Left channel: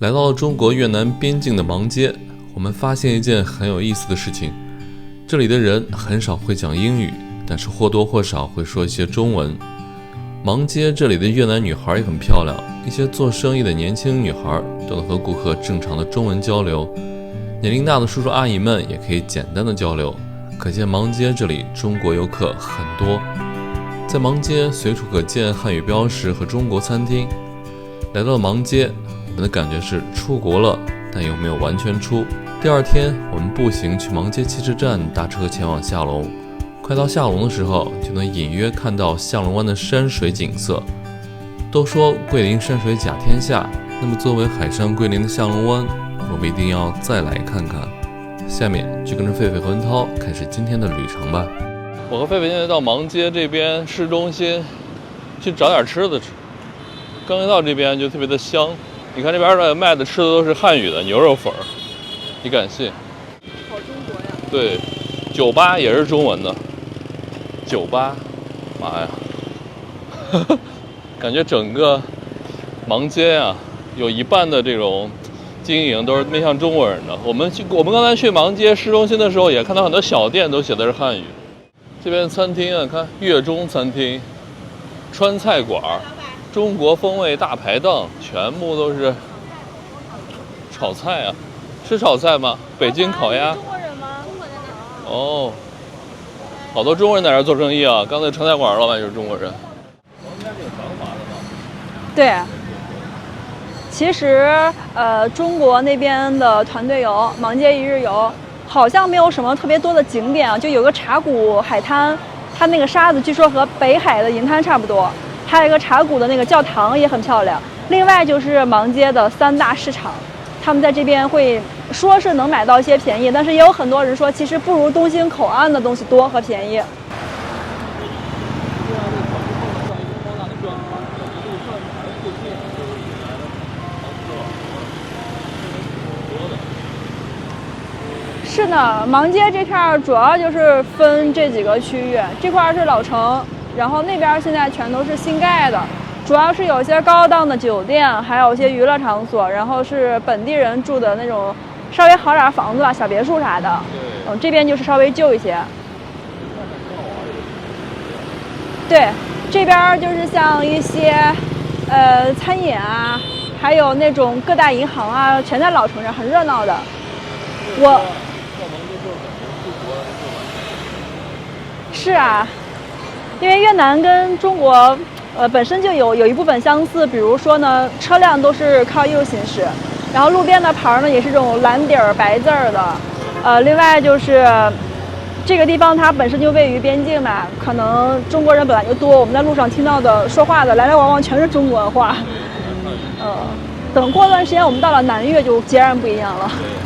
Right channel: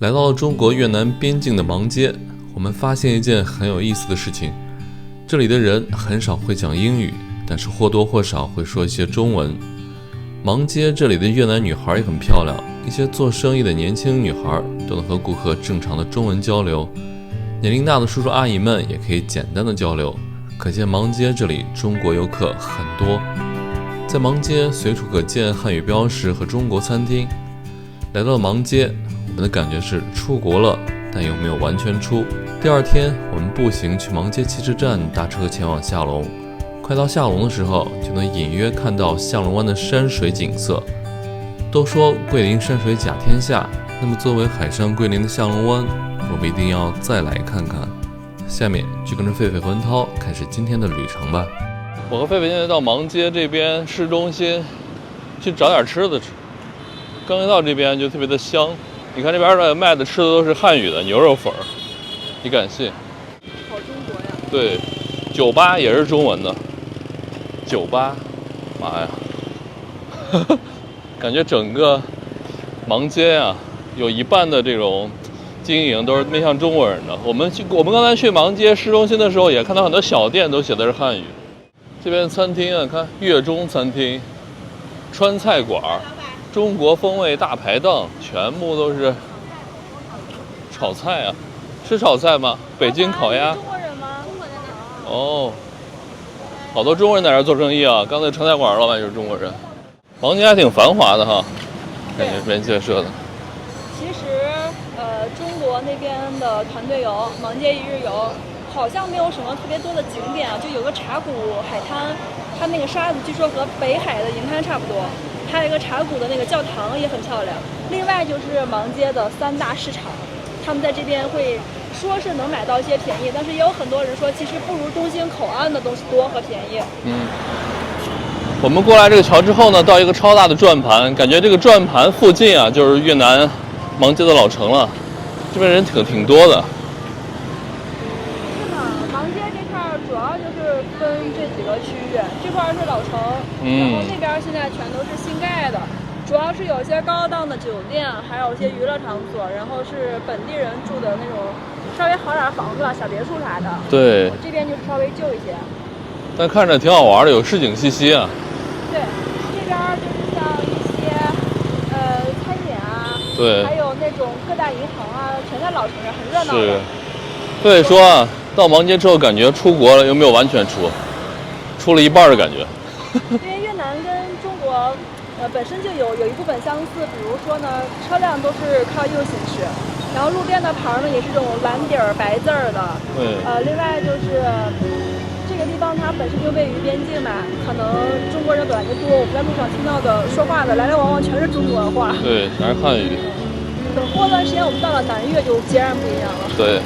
来到了中国越南边境的芒街，我们发现一件很有意思的事情，这里的人很少会讲英语，但是或多或少会说一些中文。芒街这里的越南女孩也很漂亮，一些做生意的年轻女孩都能和顾客正常的中文交流，年龄大的叔叔阿姨们也可以简单的交流，可见芒街这里中国游客很多。在芒街随处可见汉语标识和中国餐厅。来到了芒街，我们的感觉是出国了，但又没有完全出。第二天，我们步行去芒街汽车站，搭车前往下龙。快到下龙的时候，就能隐约看到下龙湾的山水景色。都说桂林山水甲天下，那么作为海上桂林的下龙湾，我们一定要再来看看。下面就跟着狒狒和文涛开始今天的旅程吧。我和狒狒现在到芒街这边市中心去找点吃的吃。刚一到这边就特别的香，你看这边的卖的吃的都是汉语的牛肉粉儿，你敢信？好中国呀！对，酒吧也是中文的，酒吧，妈呀，感觉整个芒街啊，有一半的这种经营都是面向中国人的。我们刚才去芒街市中心的时候，也看到很多小店都写的是汉语。这边餐厅啊，看粤中餐厅、川菜馆、中国风味大排档，全部都是炒菜啊。是炒菜吗？北京烤鸭。中国人吗？中国人的。哦，好多中国人在这做生意啊。刚才川菜馆老板就是中国人。芒街还挺繁华的哈。对，这边建设的。其实中国那边的团队游、芒街一日游，好像没有什么特别多的景点啊，就有个茶谷海滩，它那个沙子据说和北海的银滩差不多。还有一个茶谷的那个教堂也很漂亮。另外就是芒街的3大市场，他们在这边会说是能买到一些便宜，但是也有很多人说其实不如东兴口岸的东西多和便宜。我们过来这个桥之后呢，到一个超大的转盘，感觉这个转盘附近啊就是越南芒街的老城了，这边人挺多的。是的，芒街这片主要就是分这几个区域，这块是老城，然后那边现在全都是新盖的，主要是有些高档的酒店，还有一些娱乐场所，然后是本地人住的那种稍微好点房子吧，小别墅啥的。对，这边就是稍微旧一些，但看着挺好玩的，有市井气息啊。对，这边就是像一些餐饮啊，对，还有那种各大银行啊，全在老城上，很热闹的。所以说啊，到芒街之后感觉出国了，又没有完全出了一半的感觉。因为越南跟中国本身就有一部分相似，比如说呢，车辆都是靠右行驶，然后路边的牌呢也是这种蓝底儿白字儿的。对。另外就是这个地方它本身就位于边境嘛，可能中国人本来就多，我们在路上听到的说话的来来往往全是中国话。对，全是汉语。等过段时间我们到了南越就截然不一样了。对。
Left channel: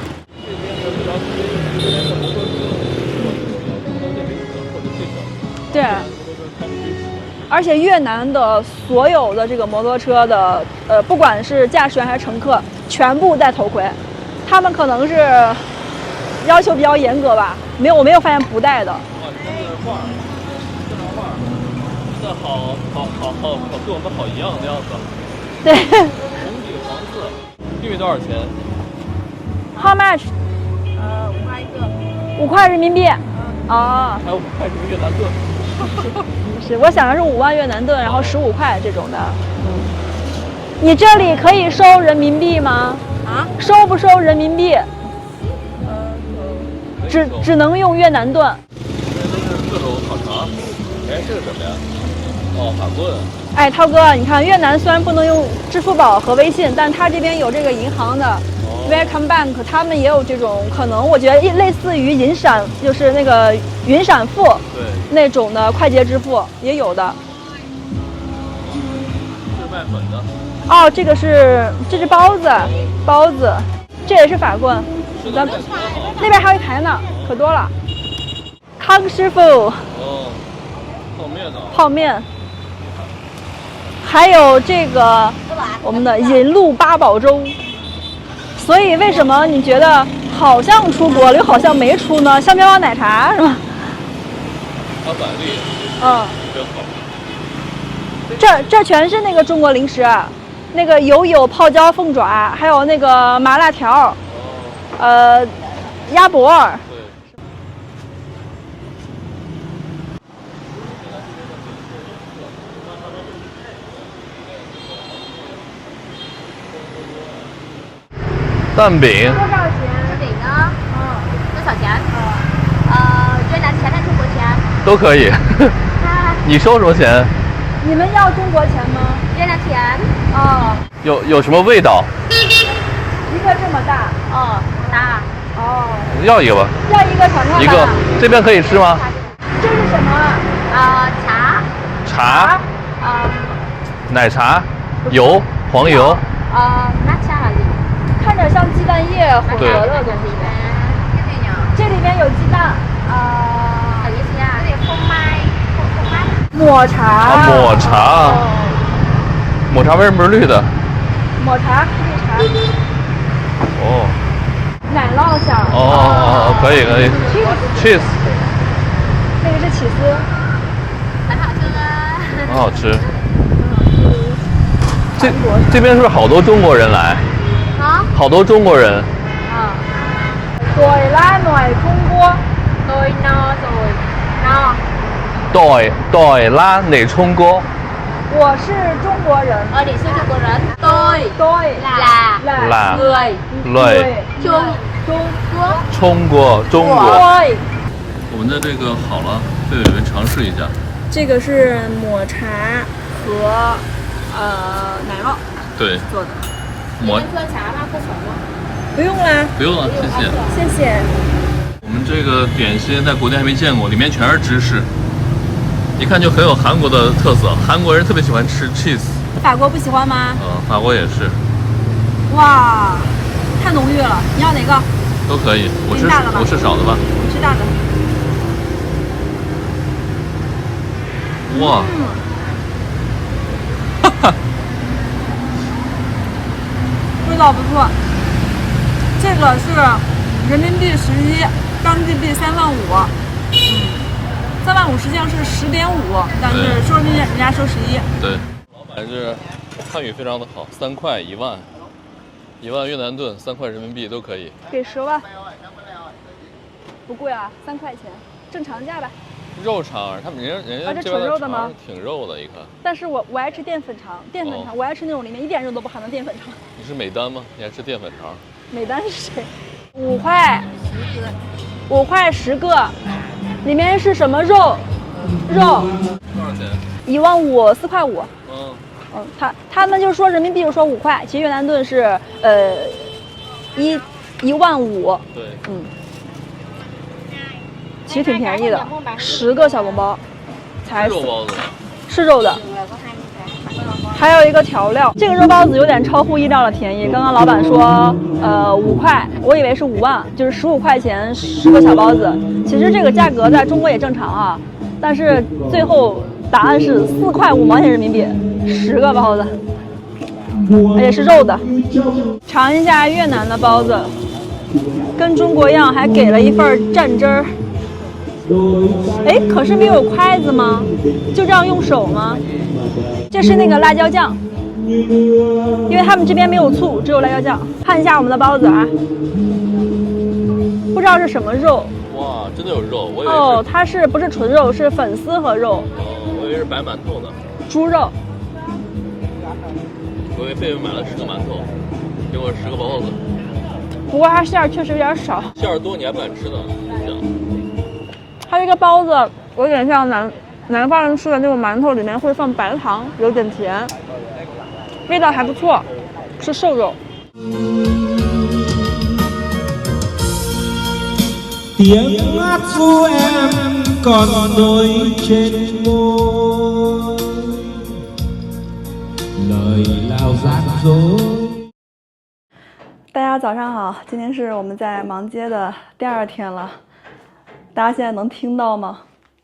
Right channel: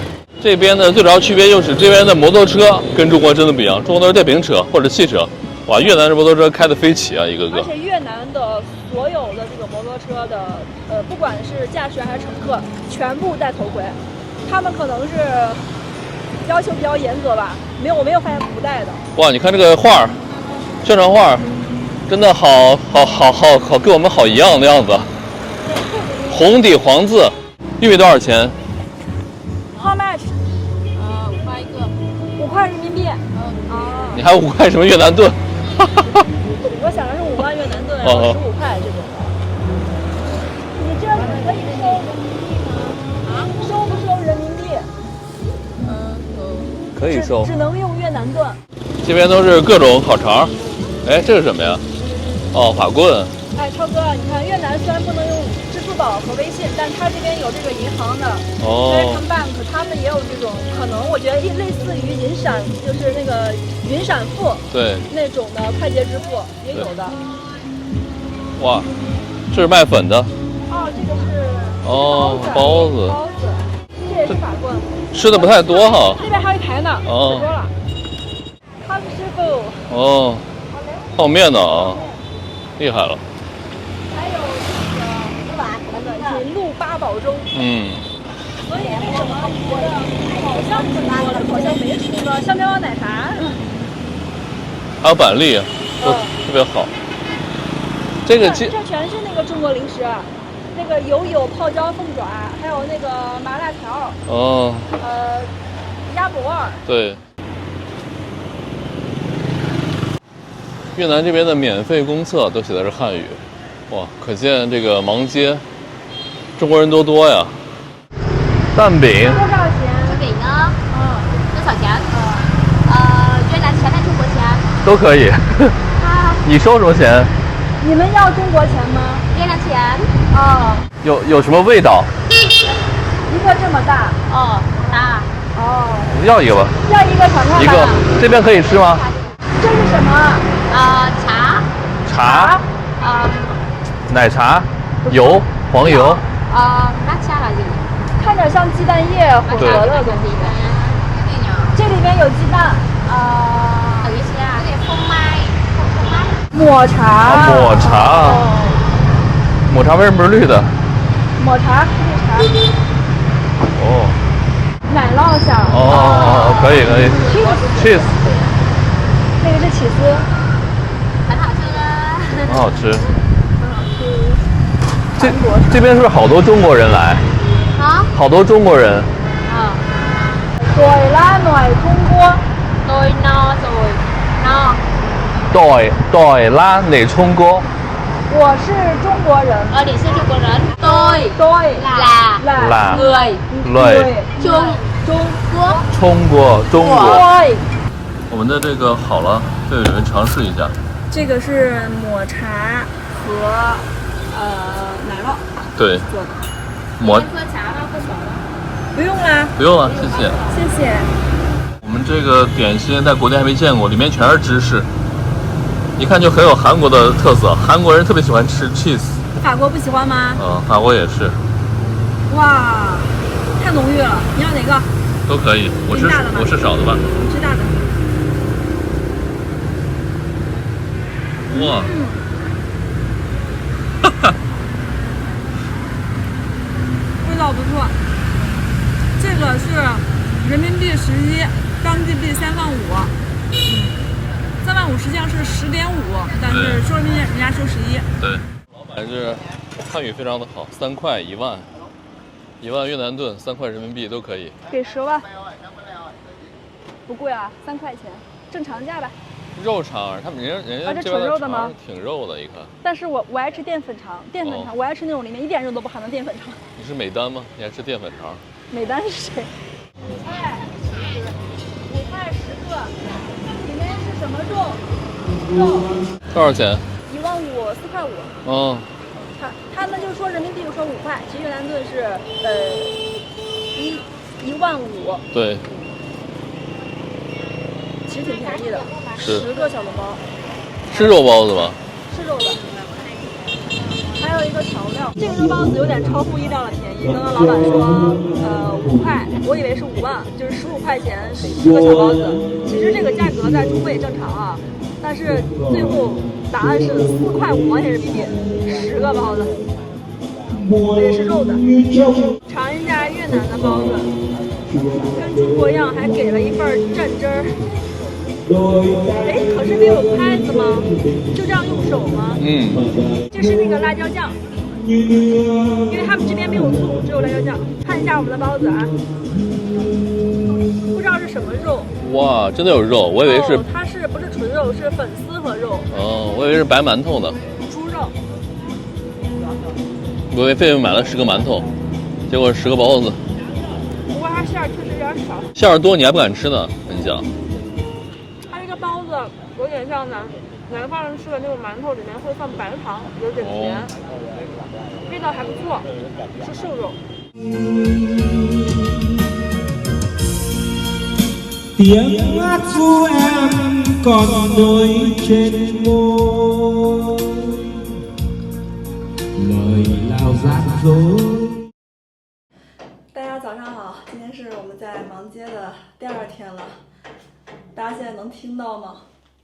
这边的最主要区别就是这边的摩托车跟中国真的不一样，中国都是电瓶车或者汽车，哇，越南这摩托车开得飞起啊，一个个。而且越南的所有的这个摩托车的不管是驾驶员还是乘客，全部戴头盔，他们可能是要求比较严格吧，我没有发现不戴的。哇，你看这个画，宣传画，真的好，跟我们好一样的样子。对。红底黄字，玉米多少钱？How much？ 5块一个。5块人民币。你还5块什么越南盾？是，我想的是5万越南盾，然后15块这种的。你这里可以收人民币吗？啊？收不收人民币？可以收。只能用越南盾。这边都是各种烤肠。哎，这是什么呀？哦，法棍。哎，涛哥，你看越南虽然不能用支付宝和微信，但它这边有这个银行的Vietcom Bank，他们也有这种可能，我觉得类似于银闪，就是那个云闪付，对，那种的快捷支付也有的。哇，这是卖粉的。哦，这是包子，包子，这也是法棍。吃的不太多哈。那边还有一排呢，可多了。康师傅。哦，泡面呢？泡面。厉害了。还有这个我们的银鹭八宝粥。所以为什么你觉得好像出国了，又好像没出呢？像喵喵奶茶是吧？还有板栗，特别好。这全是那个中国零食。那个有泡椒凤爪，还有那个麻辣条，哦，鸭脖。对。越南这边的免费公厕都写的是汉语，哇，可见这个芒街中国人多呀。蛋饼多少钱？这饼呢？多少钱？越南钱还是中国钱？都可以。你收什么钱？你们要中国钱吗？越南钱。哦，有什么味道？一个这么大。哦，大。哦，要一个吧。要一个尝尝吧。一个，这边可以吃吗？这是什么？茶。茶。奶茶，油，黄油。抹茶还是？看着像鸡蛋液混合的东西。这里面有鸡蛋。有一些啊，有点凤麦。抹茶。抹茶。抹茶为什么是绿的？抹茶，绿茶。哦。奶酪馅。哦，可以。cheese。那个是起司。很好吃啊。很好吃。这边是不是好多中国人来？啊？好多中国人。Rồi lá nồi Trung Quốc. Tôi no rồi. No. 对啦，你冲锅。我是中国人。你是中国人。Tôi là người Trung Quốc. 中国。对。我们的这个好了，被伟文尝试一下。这个是抹茶和奶酪对做的。抹喝茶吗？喝水吗？不用啦。不用了，谢谢。谢谢。我们这个点心在国内还没见过，里面全是芝士，一看就很有韩国的特色。韩国人特别喜欢吃 cheese。法国不喜欢吗？法国也是。哇，太浓郁了！你要哪个？都可以。我吃少的吧。你吃大的。哇。味道不错。这个是人民币11，当地币35000。35000实际上是10.5，但是收人民币人家收11。对，老板是汉语非常的好，3块1万，1万越南盾，3块人民币都可以。给10万，不贵啊，3块钱，正常价吧。肉肠，他们人家这纯肉的吗？挺肉的，一看。但是我爱吃淀粉肠，我爱吃那种里面一点肉都不含的淀粉肠。你是美丹吗？你爱吃淀粉肠？美丹是谁？5块10个，里面是什么肉？多少钱15000，4块5。哦。他们就说人民币就说5块，其实越南盾是15000。对。其实挺便宜的，10个小笼包。是肉包子吧？是肉的。还有一个调料，这个肉包子有点超乎意料的便宜。刚刚老板说5块，我以为是5万，就是15块钱10个小包子。其实这个价格在中国也正常啊，但是最后答案是4块5毛钱人民币10个包子，也是肉的。尝一下越南的包子，跟中国一样，还给了一份蘸汁儿。哎，可是没有筷子吗？就这样用手吗？这是那个辣椒酱，因为他们这边没有醋，只有辣椒酱。看一下我们的包子啊，不知道是什么肉。哇，真的有肉，我以为是。它是不是纯肉？是粉丝和肉。我以为是白馒头呢。猪肉。我以为费买了10个馒头，结果10个包子。不过它馅儿确实有点少。馅儿多你还不敢吃呢，跟你讲。它这个包子有点像南方人吃的那种馒头，里面会放白糖，有点甜，味道还不错，是瘦肉。Tiếng hát ru em còn đôi trên môi, lời lao gian dối。大家早上好，今天是我们在芒街的第2天了。大家现在能听到吗？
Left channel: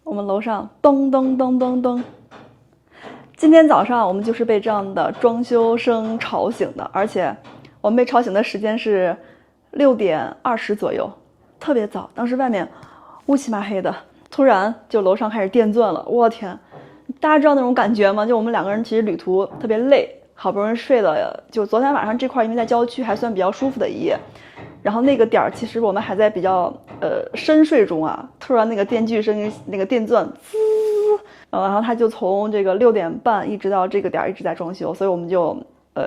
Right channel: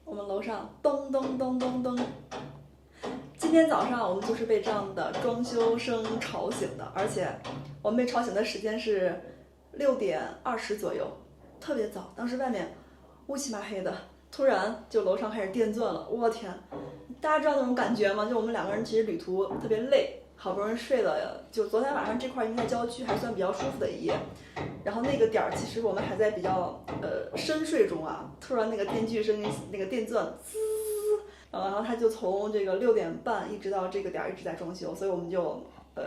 我们楼上咚咚咚咚咚。今天早上我们就是被这样的装修声吵醒的，而且我们被吵醒的时间是6点20左右，特别早。当时外面乌漆麻黑的，突然就楼上开始电钻了，我天！大家知道那种感觉吗？就我们2个人其实旅途特别累，好不容易睡了，就昨天晚上这块因为在郊区还算比较舒服的一夜，然后那个点儿其实我们还在比较深睡中啊，突然那个电锯声那个电钻滋，然后他就从这个6点半一直到这个点儿一直在装修，所以我们就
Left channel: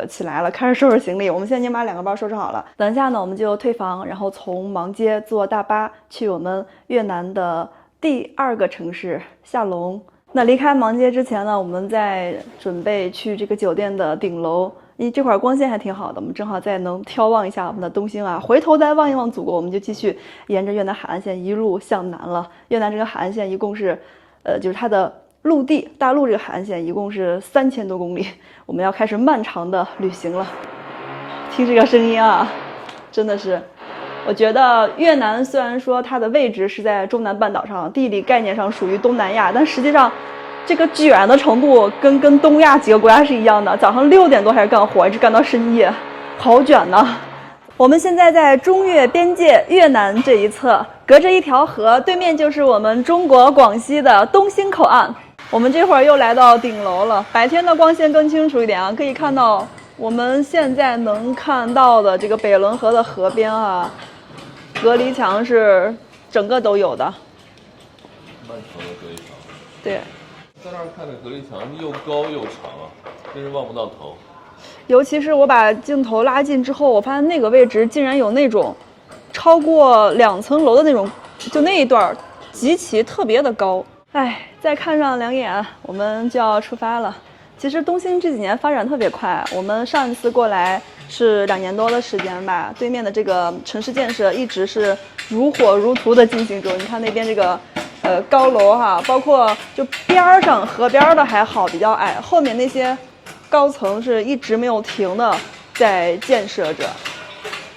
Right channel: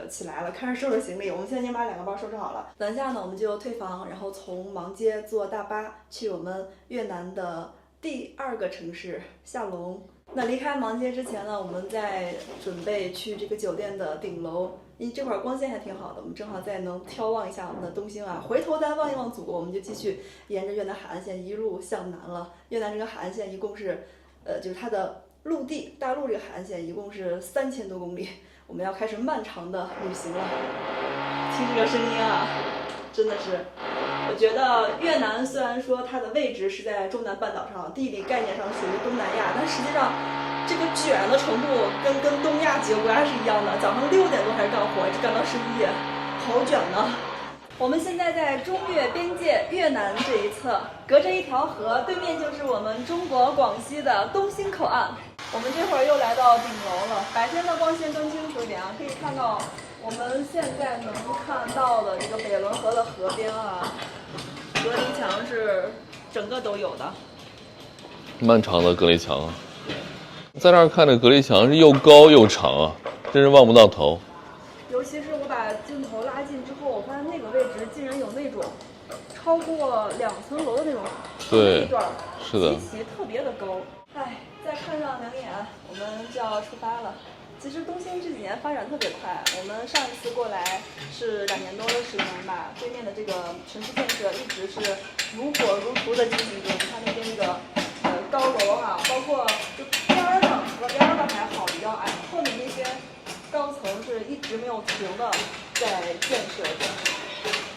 起来了，开始收拾行李。我们现在已经把2个包收拾好了，等一下呢我们就退房，然后从芒街坐大巴去我们越南的第2个城市下龙。那离开芒街之前呢，我们在准备去这个酒店的顶楼，因为这块光线还挺好的，我们正好再能眺望一下我们的东兴啊，回头再望一望祖国，我们就继续沿着越南海岸线一路向南了。越南这个海岸线一共是，就是它的陆地大陆这个海岸线一共是3000多公里，我们要开始漫长的旅行了。听这个声音啊，真的是。我觉得越南虽然说它的位置是在中南半岛上，地理概念上属于东南亚，但实际上这个卷的程度跟东亚几个国家是一样的。早上6点多开始干活，一直干到深夜，好卷呐。我们现在在中越边界越南这一侧，隔着一条河，对面就是我们中国广西的东兴口岸。我们这会儿又来到顶楼了，白天的光线更清楚一点啊，可以看到我们现在能看到的这个北仑河的河边啊，隔离墙是整个都有的，漫长的隔离墙啊。对，在这儿看这隔离墙是又高又长啊，真是望不到头。尤其是我把镜头拉近之后，我发现那个位置竟然有那种超过2层楼的那种，就那一段极其特别的高。哎，再看上2眼，我们就要出发了。其实东兴这几年发展特别快，我们上一次过来是2年多的时间吧，对面的这个城市建设一直是如火如荼的进行中。你看那边这个高楼哈，包括就边上河边的还好比较矮，后面那些高层是一直没有停的在建设着。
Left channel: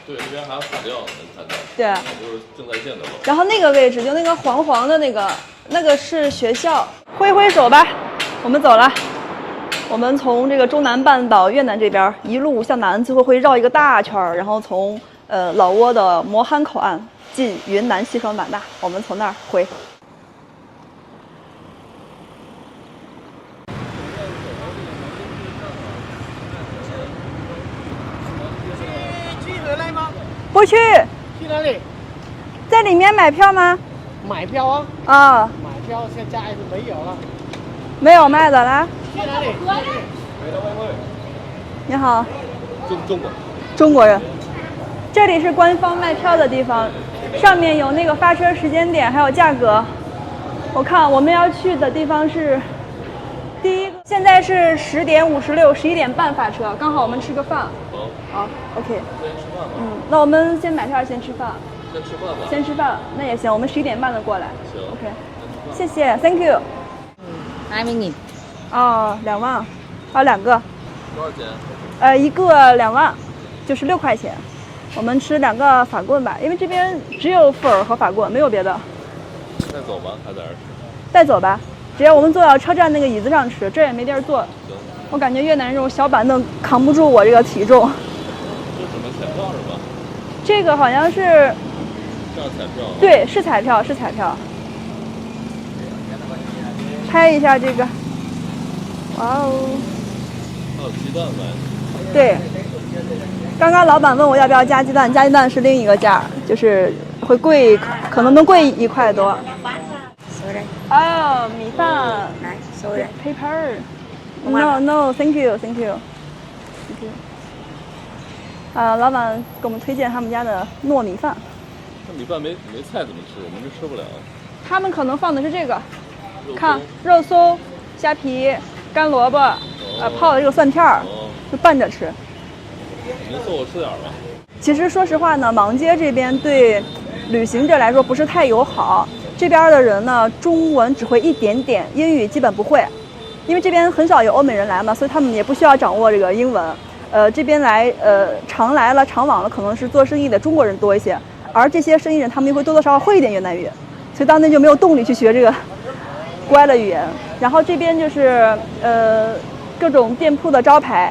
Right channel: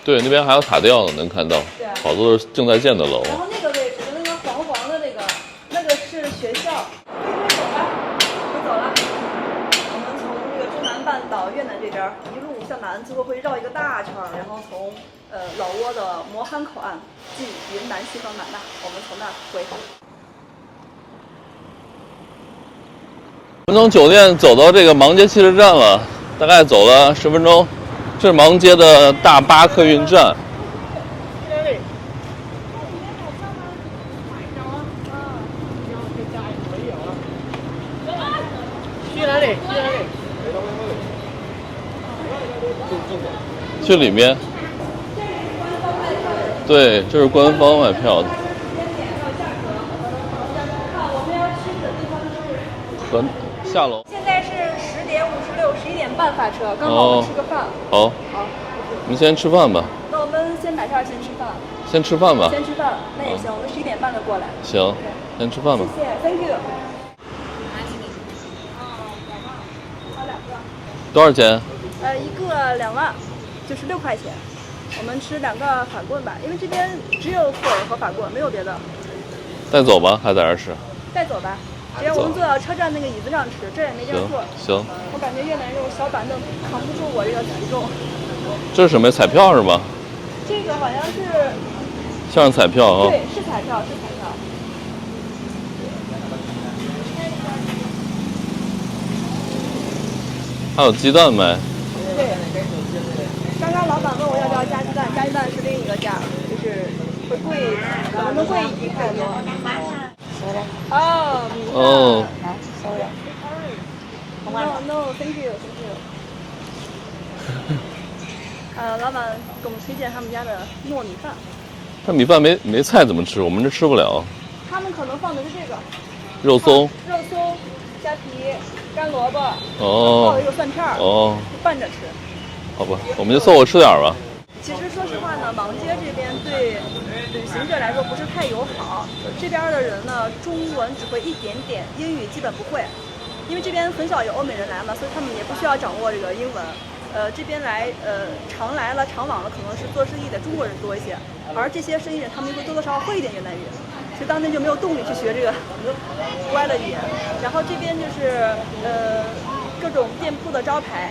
对，那边还有塔吊呢，能看到。对，好多正在建的楼。然后那个位置就那个黄黄的那个是学校。挥挥手吧，我们走了。我们从这个中南半岛越南这边一路向南，最后会绕一个大圈，然后从老挝的磨憨口岸进云南西双版纳，我们从那儿回。我们从酒店走到这个芒街汽车站了，大概走了10分钟。这是芒街的大巴客运站。不去。去哪里？在里面买票吗？买票啊！啊，买票现在没有啊。没有卖的来。去哪里？去哪里？你好。中国人。这里面。这里是官方卖票的地方。对，这是官方卖票。上面有那个发车时间点，还有价格。我看我们要去的地方是。下楼。现在是10点56，11点半发车，刚好我们吃个饭。好。好 ，OK。我们先吃饭吧。那我们先买票，先吃饭。先吃饭吧。先吃饭，那也行，我们11点半就过来。行。OK。先吃饭吧。谢谢 ，Thank you。20.000。哦，2万，还有2个。多少钱？一个2万，就是6块钱。我们吃2个法棍吧，因为这边只有粉儿和法棍，没有别的。带走吧，还在这儿吃？带走吧，只要我们坐到车站那个椅子上吃，这儿也没地儿坐。行。我感觉越南这种小板凳扛不住我这个体重。这是什么？彩票是吗？这个好像是。像彩票啊。对，是彩票，是彩票。拍一下这个。哇哦。还有鸡蛋卖。对。刚刚老板问我要不要加鸡蛋，加鸡蛋是另一个价，就是会贵，可能能贵1块多。哦，米饭。来，收人。paper。No，thank you。老板给我们推荐他们家的糯米饭。这米饭没菜怎么吃？我们这吃不了。他们可能放的是这个。肉松。肉松、虾皮、干萝卜，泡的这个蒜片儿，就拌着吃。好吧，我们就凑合吃点吧。其实说实话呢，芒街这边对旅行者来说不是太友好。这边的人呢，中文只会一点点，英语基本不会。因为这边很少有欧美人来嘛，所以他们也不需要掌握这个英文。这边来常来了常往的可能是做生意的中国人多一些，而这些生意人他们也会多多少少会一点越南语，所以当地就没有动力去学这个国外的语言。然后这边就是各种店铺的招牌。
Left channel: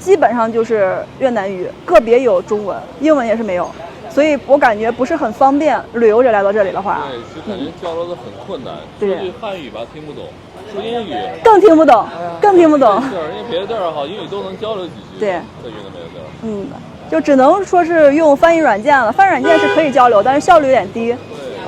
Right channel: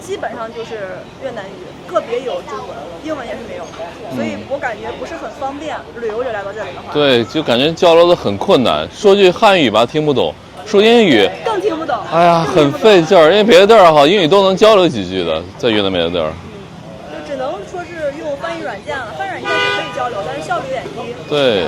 基本上就是越南语，个别有中文，英文也是没有，所以我感觉不是很方便。旅游者来到这里的话，对，就感觉交流的很困难。说句汉语吧听不懂，说英语，更听不懂，哎呀，更听不懂，很费劲儿，因为别的地儿哈英语都能交流几句的对，在越南别的地儿。就只能说是用翻译软件了。翻译软件是可以交流，但是效率有点低。对，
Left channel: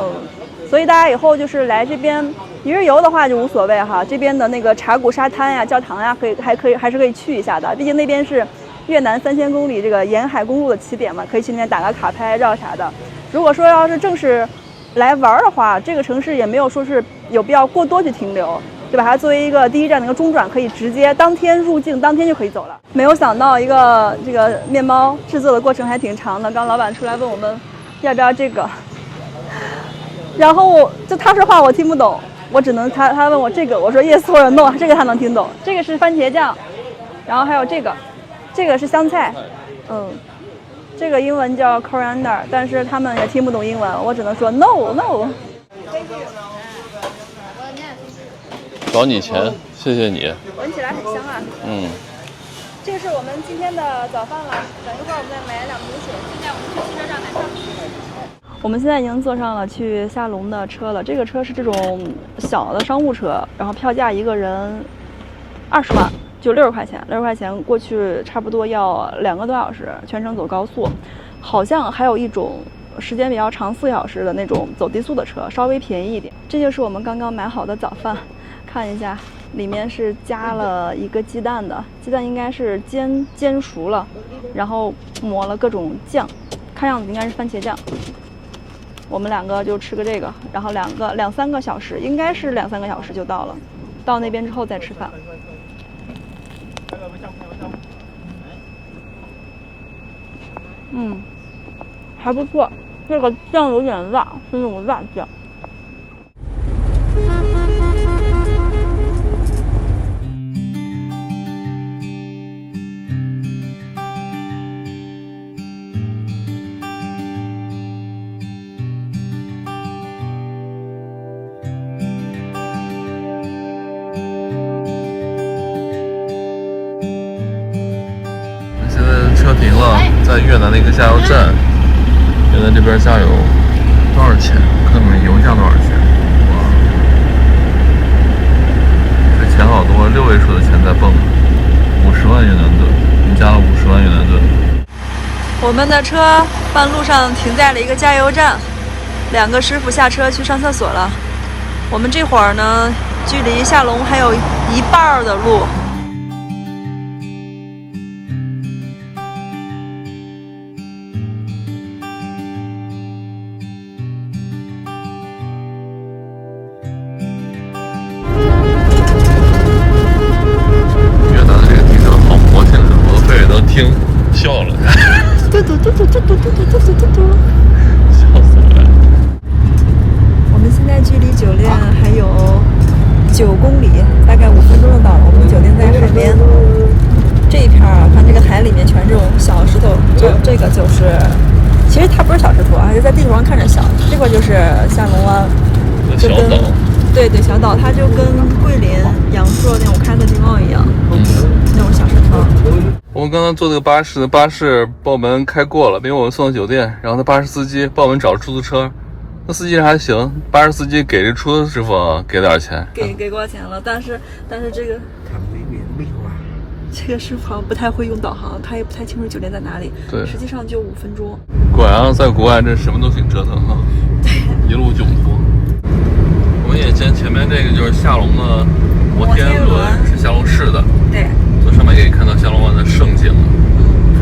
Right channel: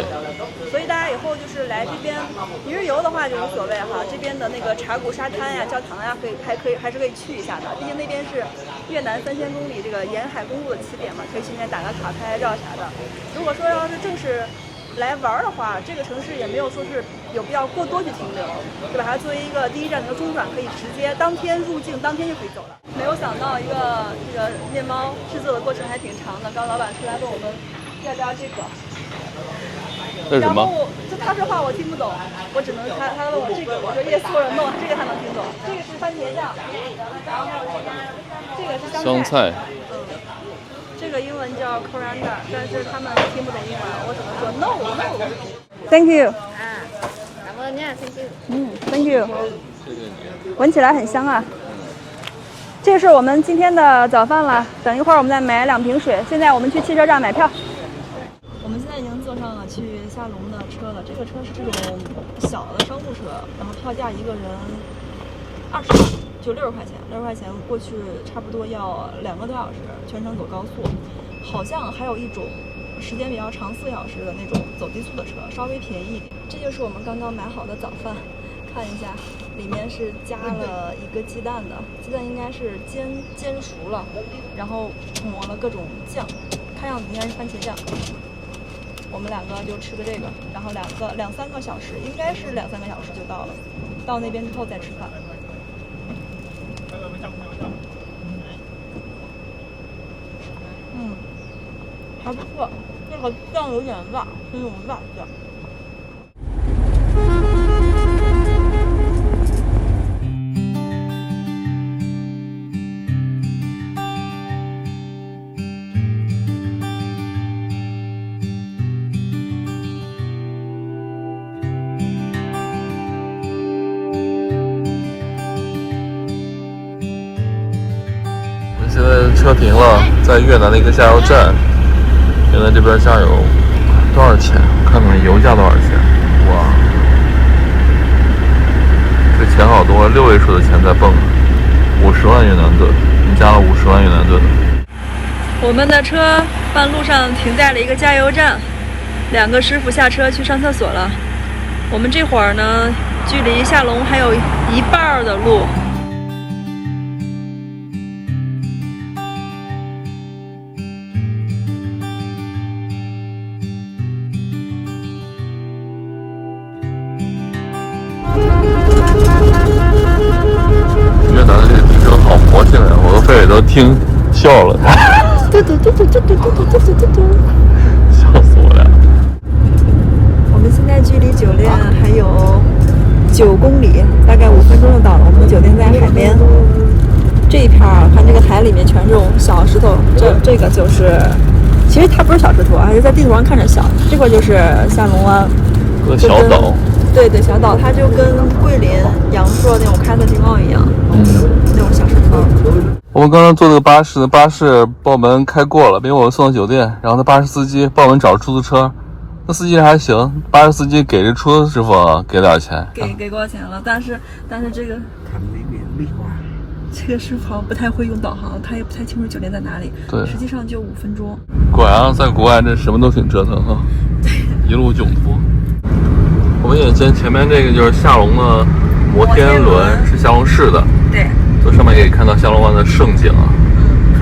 所以大家以后就是来这边一日游的话就无所谓哈，这边的那个茶谷沙滩呀、教堂呀，还是可以去一下的。毕竟那边是越南3000公里这个沿海公路的起点嘛，可以去那边打个卡、拍照啥的。如果说要是正式来玩的话，这个城市也没有说是有必要过多去停留，对吧？它作为一个第一站的一个中转，可以直接当天入境，当天就可以走了。没有想到这个面包制作的过程还挺长的。刚老板出来问我们要不要这个，然后他说话我听不懂，我只能他问我这个，我说 yes 或者 no， 这个他能听懂。这个是番茄酱，然后还有这个是香菜，这个英文叫 coriander， 但是他们也听不懂英文，我只能说 no，thank you。找你钱，谢谢你。闻起来很香啊。这是我们今天的早饭了。等一会儿我们再买2瓶水。现在我们去汽车站买票。我们现在已经坐上了去下龙的车了。这个车是这种小的商务车，然后票价一个人20巴，就60块钱。60块钱过去差不多要2个多小时，全程走高速。好像还有一种时间比较长4小时的那种走低速的车，稍微便宜一点。这就是我们刚刚买好的早饭，看一下，里面是加了一个鸡蛋的，鸡蛋应该是煎熟了，然后抹了各种酱，看样子应该是番茄酱。我们2个就吃个这个，然后2-3个小时，应该是2-3个小时就到了，到那边之后再吃饭。还不错，这个酱有点辣，是那种辣酱。我们现在车停了，在越南的一个加油站。越南这边加油多少钱？看看油价多少钱。哇，这钱好多，6位数的钱在蹦，50万越南盾，我们加了50万越南盾。我们的车半路上停在了一个加油站，2个师傅下车去上厕所了。我们这会儿呢，距离下龙还有1半的路。听笑了，嘟嘟嘟嘟嘟嘟嘟嘟嘟嘟嘟，笑死我了。我们现在距离酒店还有9公里，大概5分钟就到了。我们酒店在海边，这一片儿看这个海里面全是这种小石头，这个就是，其实它不是小石头，还是在地图上看着小。这个就是下龙湾，小岛。对，小岛，它就跟桂林、阳朔那种开的地貌一样，那种小山庄。我们刚刚坐这个巴士把我们开过了，并且我们送到酒店，然后那巴士司机帮我们找出租车，那司机还行，巴士司机给这出租师傅给点钱，给过钱了，但是这个师傅好像不太会用导航，他也不太清楚酒店在哪里。对，实际上就5分钟。果然在国外这什么都挺折腾哈，对，一路囧步。我们眼前面这个就是下龙的摩天轮，是下龙市的。对，从上面可以看到下龙湾的盛景啊。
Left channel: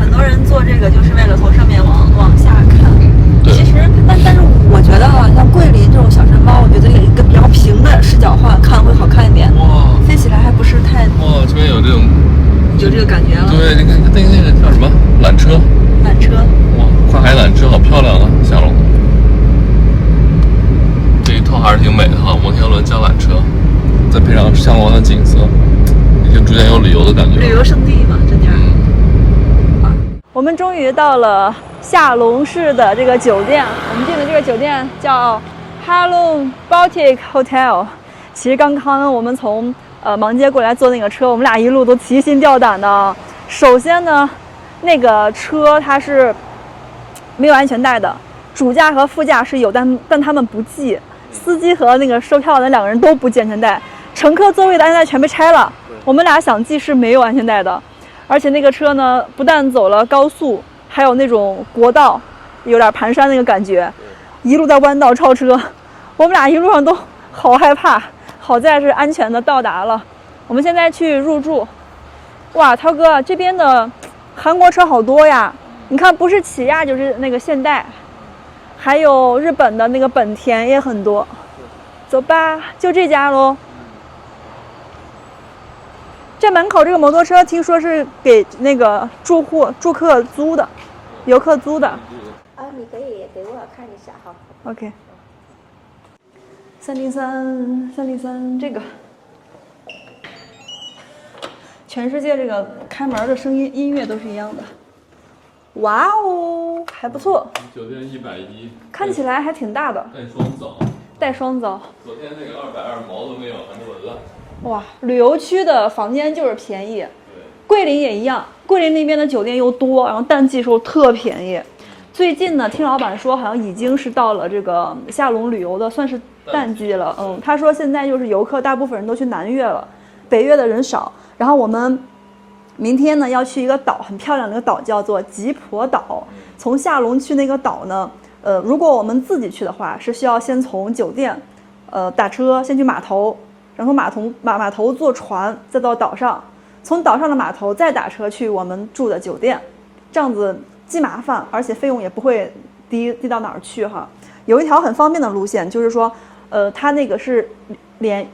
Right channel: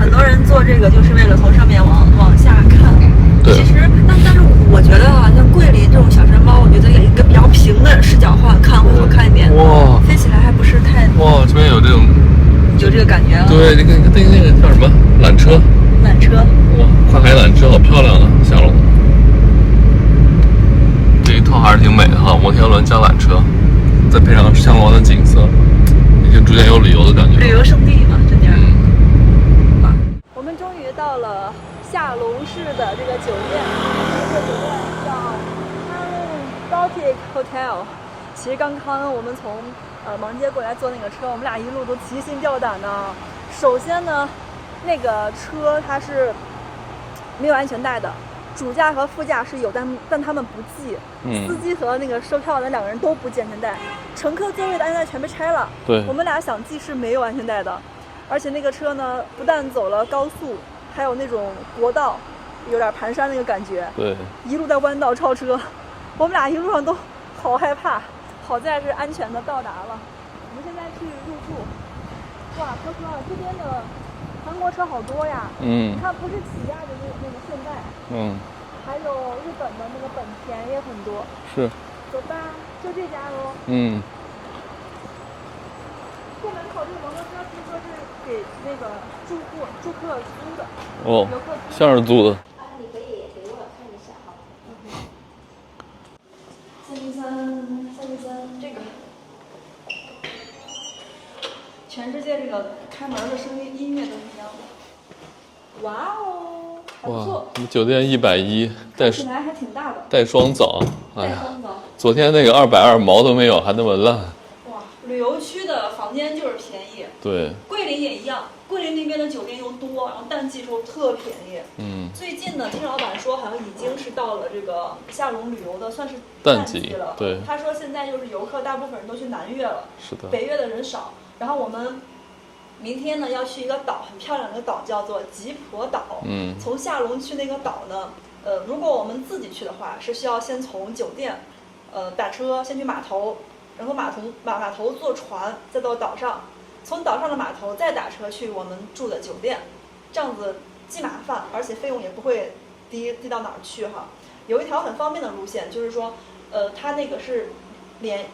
很多人做这个就是为了从上面往下看。对。其实，但是我觉得啊，像桂林这种小山包，我觉得有一个比较平的视角化看会好看一点。哇，飞起来还不是太。哇，这边有这种，有这个感觉了。对，那个叫什么？缆车。缆车。哇，跨海缆车好漂亮啊，下龙。这一套还是挺美的哈，摩天轮加缆车，再配上下龙湾的景色，就逐渐有旅游的感觉。旅游胜地嘛，这点。我们终于到了下龙市的这个酒店，我们订的这个酒店叫 Halong Baltic Hotel。其实刚刚我们从芒街过来坐那个车，我们俩一路都提心吊胆的。首先呢，那个车它是没有安全带的，主驾和副驾是有，但他们不系。司机和那个售票的2个人都不系安全带。乘客座位的安全带全被拆了。对我们俩想系是没有安全带的，而且那个车呢，不但走了高速，还有那种国道，有点盘山那个感觉。对，一路在弯道超车，我们俩一路上都好害怕，好在是安全的到达了。我们现在去入住。哇，涛哥，这边的韩国车好多呀！你看，不是起亚就是那个现代，还有日本的那个本田也很多。是。走吧，就这家喽。这门口这个摩托车听说是给那个住客租的，游客租的。像是租的。啊，你可以给我看一下哈。OK。303，这个。全世界这个开门的声音、音乐都是一样的。哇哦，还不错。酒店110，看起来还挺大的。带双澡。带双澡。昨天那个220毛都没有，还那么烂。哇，旅游区的房间就是便宜。对。桂林也一样，桂林那边的酒店又多，然后淡季时候特便宜。最近呢，听老板说好像已经是到了这个下龙旅游的算是淡季了。他说现在就是游客大部分人都去南越了，是的，北越的人少。然后我们明天呢要去一个岛，很漂亮的一个岛，叫做吉婆岛。从下龙去那个岛呢，如果我们自己去的话，是需要先从酒店，打车先去码头，然后码头坐船再到岛上，从岛上的码头再打车去我们住的酒店，这样子既麻烦，而且费用也不会低到哪儿去哈。有一条很方便的路线，就是说，它那个是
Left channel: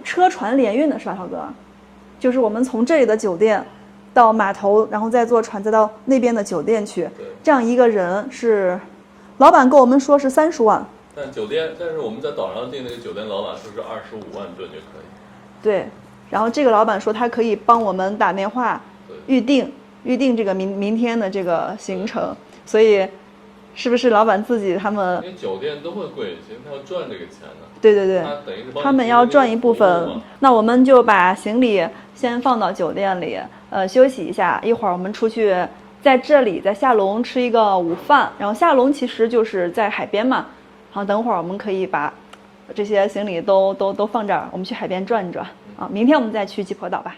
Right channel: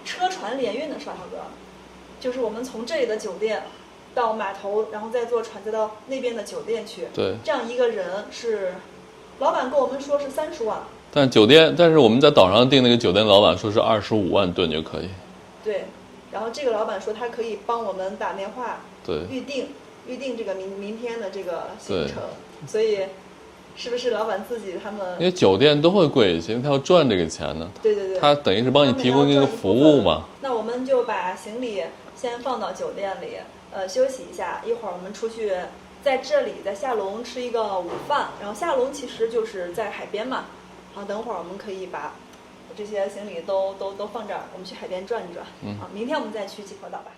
车船联运的是吧，涛哥？就是我们从这里的酒店到码头，然后再坐船再到那边的酒店去。对，这样一个人是，老板跟我们说是30万。但是我们在岛上订那个酒店，老板说是25万吨就可以。对，然后这个老板说他可以帮我们打电话，对，预定这个明天的这个行程，所以是不是老板自己他们？因为酒店都会贵一些，因为他要赚这个钱呢。对，他等于是帮你他们要赚一部分嘛。那我们就把行李先放到酒店里，休息一下，一会儿我们出去，在这里在下龙吃一个午饭，然后下龙其实就是在海边嘛，好，等会儿我们可以把这些行李都放这儿，我们去海边转一转，明天我们再去吉婆岛吧。